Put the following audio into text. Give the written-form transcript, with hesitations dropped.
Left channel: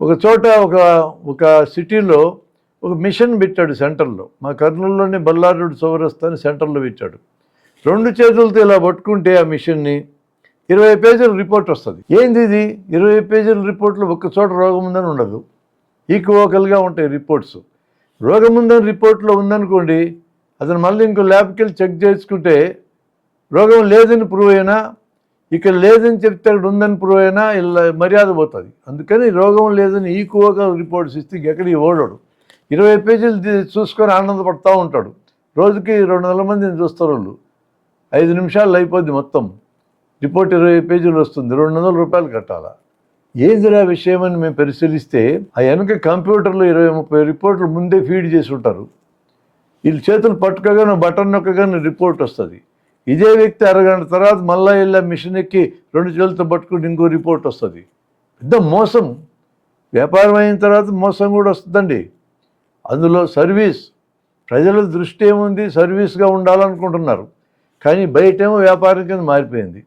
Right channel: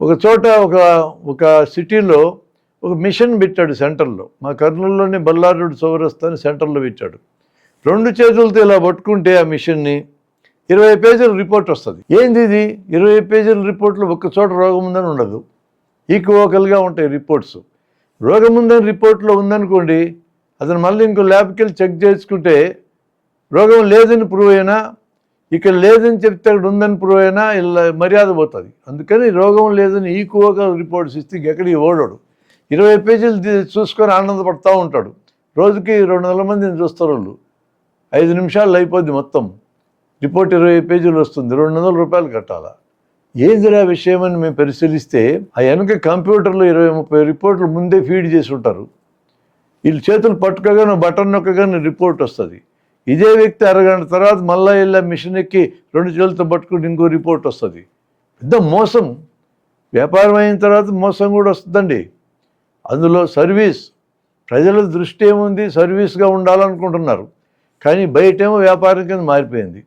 ఒక చోట ఒక సిటీలో ఒక మిషన్ పెట్టాడు సెంటర్లో. మా కర్నూలులోని బల్లారు రోడ్ చౌరస్తా అని సెంటర్లో పెట్టాడు. 2 చేతులతో ఇలా పట్టుకుంటే ఆ మిషన్ని 20 పేజీల రిపోర్ట్ వస్తుంది. ఏంది ఇది? 20 పేజీల రిపోర్ట్లో ఒక్క చోట రోగం ఉందని ఉండదు. ఈక్వోకల్గా ఉంటాయి రిపోర్ట్స్. రోగం ఉందని రిపోర్ట్లో ఉందనుకోండి, అతను మళ్ళీ ఇంకో ల్యాబ్కి వెళ్ళి చెక్ చేసుకుంటే రోగం లేదని ప్రూవ్ అయినా, ఇక్కడ లేదని చెప్తే అక్కడ ఉందని ప్రూవ్ అయినా ఇలా మర్యాద పోతుంది. అందుకని రోగం లేదని ఈక్వోకల్ రిపోర్ట్స్ ఇస్తే ఎక్కడికి ఓడాడు. 20 పేజీలు చూసుకొని ఆనందపడతా ఉంటాడు. రోజుకి 200 మందిని చూస్తారు వాళ్ళు. 5 నిమిషాల్లో అయిపోద్ది మొత్తం. రిపోర్ట్ 20 పేజీలు వస్తుంది, 200 రూపాయలు కట్టాలా? ఏందిరా విషయం అని మేము పరిశీలిస్తే ఆ వెనక కంప్యూటర్లో 20-30 రిపోర్ట్లు ముందే ఫీడ్ చేసి ఉంటారు. వీళ్ళు చేతులు పట్టుకోగానే బటన్ నొక్కగానే రిపోర్ట్ వస్తుంది. ఇదే వ్యక్తి అరగంట తర్వాత మళ్ళీ ఇలా మిషన్ ఎక్కి 2 చేతులతో పట్టుకుంటే ఇంకో రిపోర్ట్ వస్తుంది. పెద్ద మోసం. వ్యాపారం అయిన తర్వాత మోసం కూడా వస్తుందండి. అందులో సర్వీస్, ప్రజల దృష్టి ఏముంది? సర్వీస్గా ఉండాలనుకుంటున్నారు, కానీ బయటేమో వ్యాపారం కింద మారిపోయింది.